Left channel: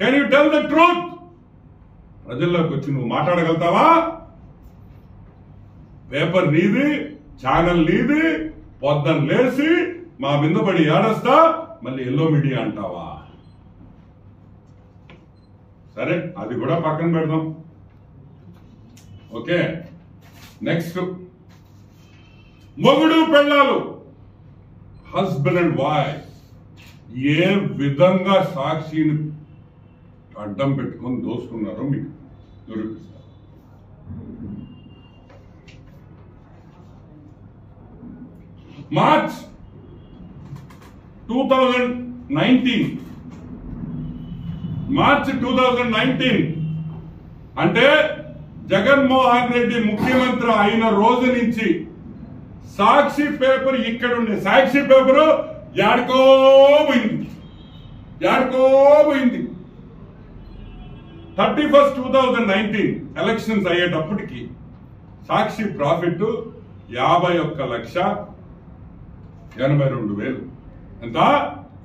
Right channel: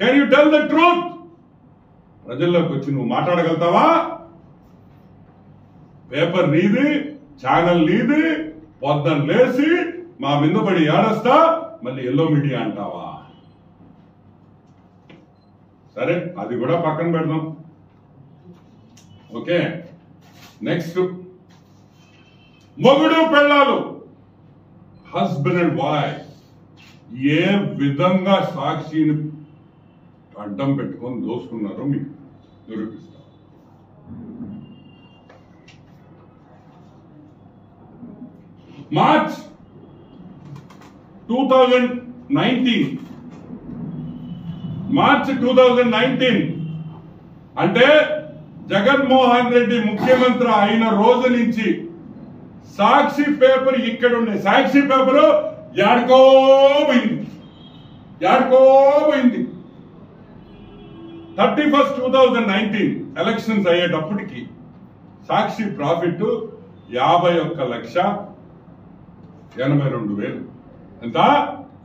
Can you tell the truth? ప్రజల్లోకి వచ్చి నువ్వు మాట్లాడగలుగుతావా? పేపర్ నీది, ఛానల్ నీది, పొద్దున్న లేసి మా మీద పడి ఏడస్తా మళ్ళీ ఎల్లో మీడియా అంటావా? సరే, అది కూడా పక్కన పెడదాం. ఓకే, నెక్స్ట్ మొగుడు పెళ్ళాలు, హస్బెండ్ అండ్ వైఫ్ ఏ విధంగా సాక్షిని అడ్డం పెట్టుకొని దోసుకున్నారో మీకు నిరూపిస్తారు. మార్చ్ 2019 అంటే జగన్మోహన్ రెడ్డి ముఖ్యమంత్రి అయిన రోజు నుంచి సాక్షి పేపర్ ఇక్కడ ఉండే సాక్షి పేపరు యాడికో పోయింది. 31st 2019 ఎలక్షన్స్ అయ్యేటప్పటికి సాక్షి ప్రాఫిట్ 51,82,000. ఎంత?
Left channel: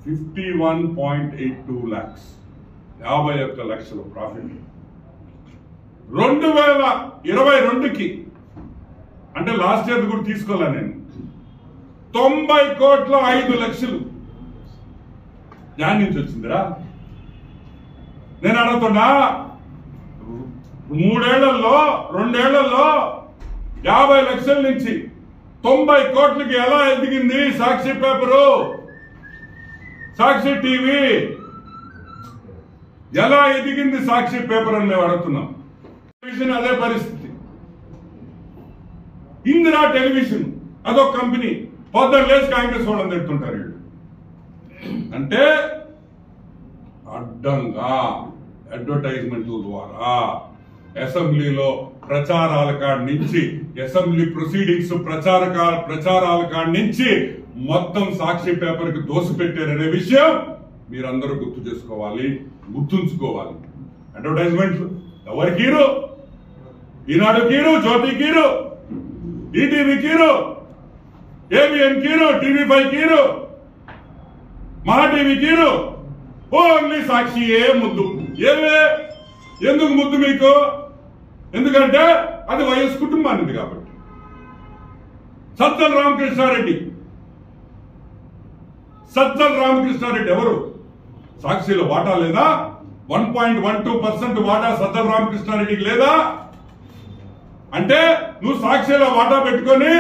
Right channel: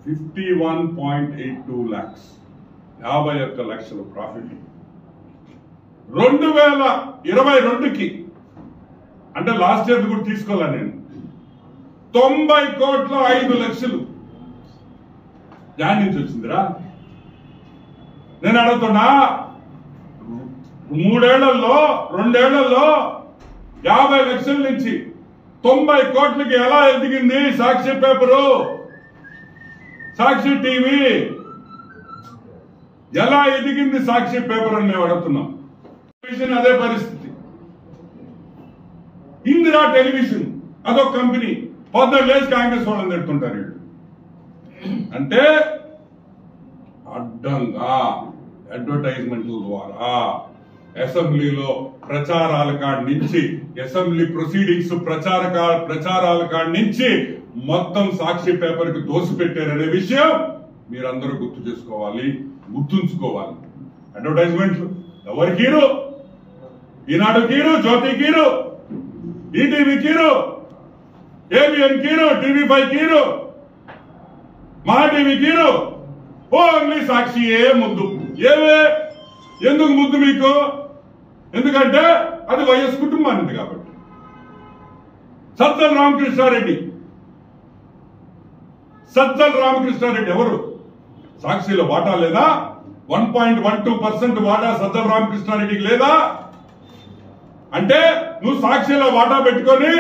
51.82 lakhs. 51 లక్షల ప్రాఫిట్. 2022కి అంటే లాస్ట్ ఇయర్ కూడా తీసుకోలే నేను, 90,05,00,000 దాని నుంచి వచ్చిందిరా. నేను అడుగుతున్నా, 2 ఏళ్లలో 50 లక్షల నుంచి 90 కోట్లకి ఎలా ఎదిగింది సాక్షి పేపరు, సాక్షి టీవీ ఎలా ఎదిగింది సాక్షి పేపర్ అని మేము అడుగుతున్నాం. టెలివిజన్ అదే పరిస్థితి. ఇందిరా టెలివిజన్ అదొక కంపెనీ, పొద్దున్న లేచి కాంగ్రెస్ వాళ్ళని తిడుతుంటారు వీళ్ళు. అంటే అడ్డంగా అడ్వర్టైజ్మెంట్ల ద్వారా అసెంబ్లీలో ప్రచారాల కాడి నుంచి, అసెంబ్లీ ప్రొసీడింగ్స్ ప్రచారాల కాడి నుంచి మొత్తం సాక్షి పేపర్ కి దోసిపెట్టారనే విషయం మీరందరూ గుర్తుంచుకోవాలి. అడ్వర్టైజ్మెంట్లు ఎవరికి hero? Eenadu hero, Jyothi hero, ETV hero, ABN hero, TV5 hero, Maha TV hero, only సాక్షియే ముద్దు. ఎందుకు ముద్దు మీకు? ఎందుకంటే అది వైఎస్ కుటుంబానిది కాబట్టి. సజ్జల రామకృష్ణారెడ్డి ఎవరు? సాక్షిలో వాటా లేదా? 1.12% వాటా సజ్జల రామకృష్ణారెడ్డికి లేదా? అంటే నువ్వు సాక్షిలో వాటా పెట్టుకొని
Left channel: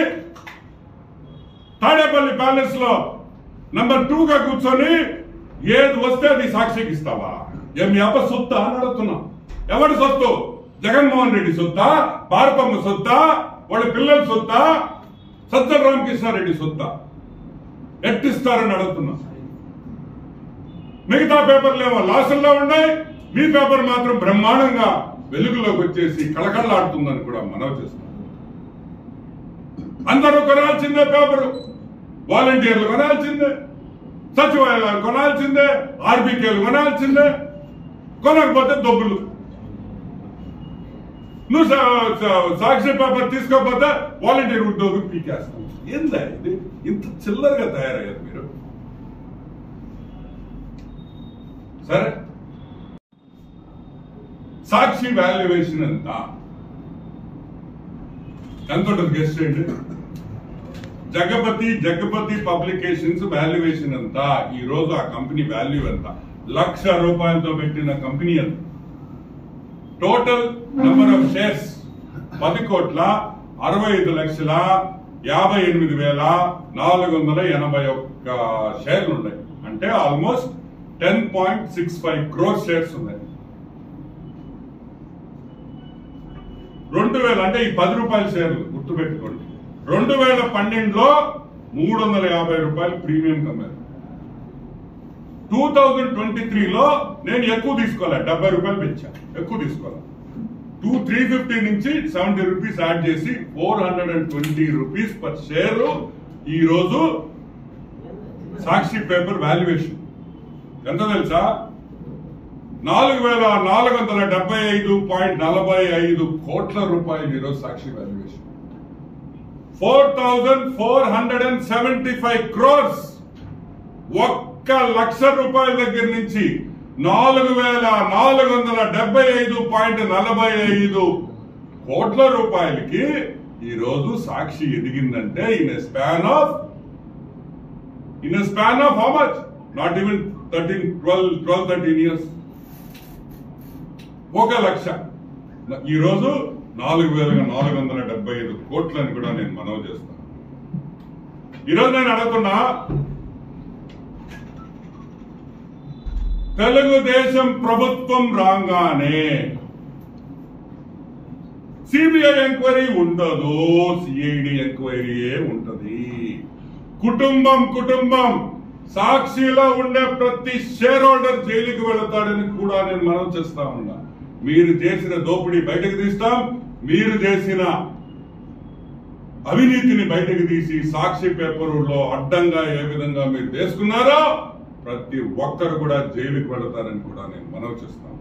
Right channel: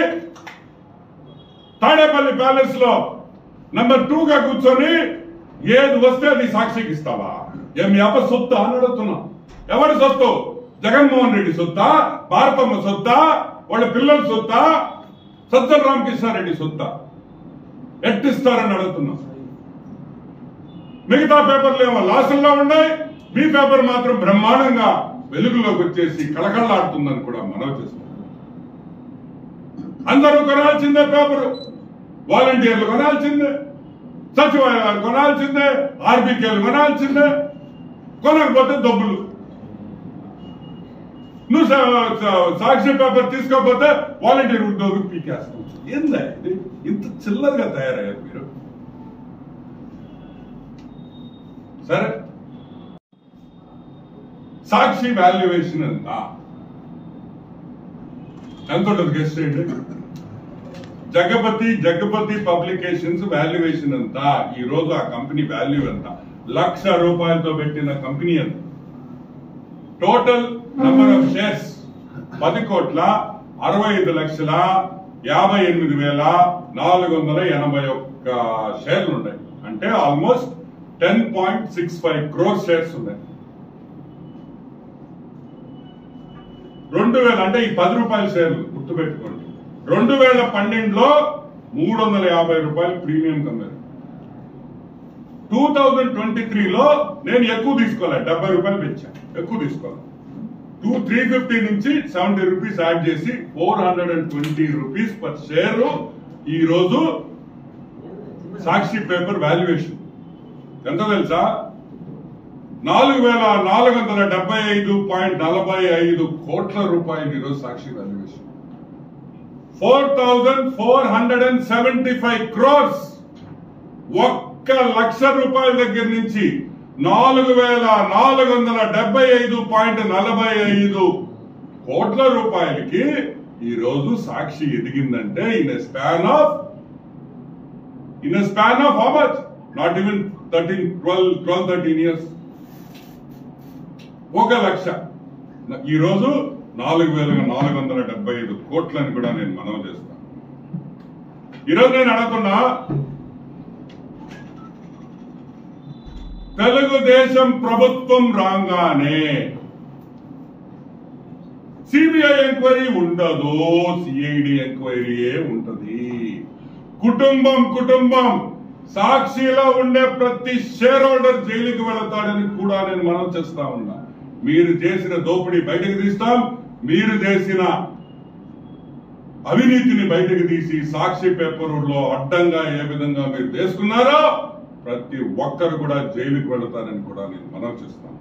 తాడేపల్లి ప్యాలెస్ లో నంబర్ 2గా కూర్చొని ఏది వస్తే అది సాక్షికి ఇస్తావా? ఏమి అప్ప సొత్తా అని అడుగుతున్నా. ఎవరి సొత్తు? జగన్మోహన్ రెడ్డి సొత్తా? భారతమ్మ సొత్తా? వాళ్ళ పిల్లల సొత్తా? సజ్జల రామకృష్ణారెడ్డి సొత్తా? ఎట్టిస్తారని అడుగుతున్నా. మిగతా పేపర్లు ఏమో లాసుల్లో ఉన్నాయి, మీ పేపర్ మాత్రం బ్రహ్మాండంగా వెలుగులోకి వచ్చేసి కళకళలాడుతుందని కూడా మనవి చేస్తున్నాం. అందరూ కొనాల్సిందే పేపరు, వాలంటీర్లు కొనాల్సిందే, సచివాలయాలు కొనాల్సిందే, ఆర్బీకేలు కొనాల్సిందే. కొనకపోతే డబ్బులు. నువ్వు సాక్షి పేపర్ తీసుకోకపోతే వాలంటీర్ ఉద్యోగం పీకేస్తావు. ఏందా ఇది? ఇంత చిల్లరగా తయారయ్యారు మీరు. సరే, సాక్షి వాల్యుయేషన్ ఎంత ఉంటుంది గెస్ట్ చేయండి. జగపతి పబ్లికేషన్స్ వాల్యుయేషన్ ఎంత? ఈ రోజు ఆ కంపెనీ వాల్యూ ఎంత? ₹1,00,000 పెట్టిన కంపెనీ ఎంత? టోటల్ నంబర్ ఆఫ్ షేర్స్ 10,58,58,481 షేర్లు ఉన్నాయి. అంటే ఆల్మోస్ట్ 10.65 crore షేర్స్ ఉన్నాయి. 2000 అంటే ఈ ₹10 షేర్లు గుర్తుపెట్టుకోండి. 2012లో ₹350 ప్రీమియం కమ్మారు. 2023లో నేను ఎక్కువ తీసుకోలే, ₹70 పెంచా, ఎక్కువ తీసుకోలే. 350 నుంచి ₹70 యాడ్ చేసి ₹420 పర్ షేర్ ఈ రోజు సాక్షి పేపర్ వాల్యుయేషన్ ఎంత తెలుసా? ₹4,475.45 కోట్ల ఈరోజు సాక్షి వాల్యుయేషన్. 4,475 crores. ₹1,00,000 దగ్గర నుంచి 4,475.45 కోట్ల రూపాయలకి ఈ రోజు సాక్షి ఎదిగిందంటే in a span of how much? Not even 12-13 years. 1 lakh. ఈ రోజు 4,475 కోట్లని కూడా నేను మనవి చేస్తాను. ఈరోజు నేను అడుగుతున్నా, తెలుగుదేశం ప్రభుత్వం రాగానే సిబిఐ ఎంక్వైరీ ఉండదు, సిఐడి ఎంక్వైరీయే ఉంటది. కుటుంబం సాక్షిలో ఉండే ప్రతి షేర్ హోల్డర్ జైలుకి వెళతాడని కూడా నేను మనం చేస్తా ఉన్నా. మీరు చేసిన దోపిడీ బయటకు తీస్తాం, మీరు చేసిన అవినీతిని బయటకు తీసి సాక్షి పేపర్లో అడ్డంగా ఏ విధంగా మీరు తీసుకున్నారో ప్రతి ఒక్కరు కూడా జైలుకి వెళతారని కూడా నేను మనవి చేస్తాను.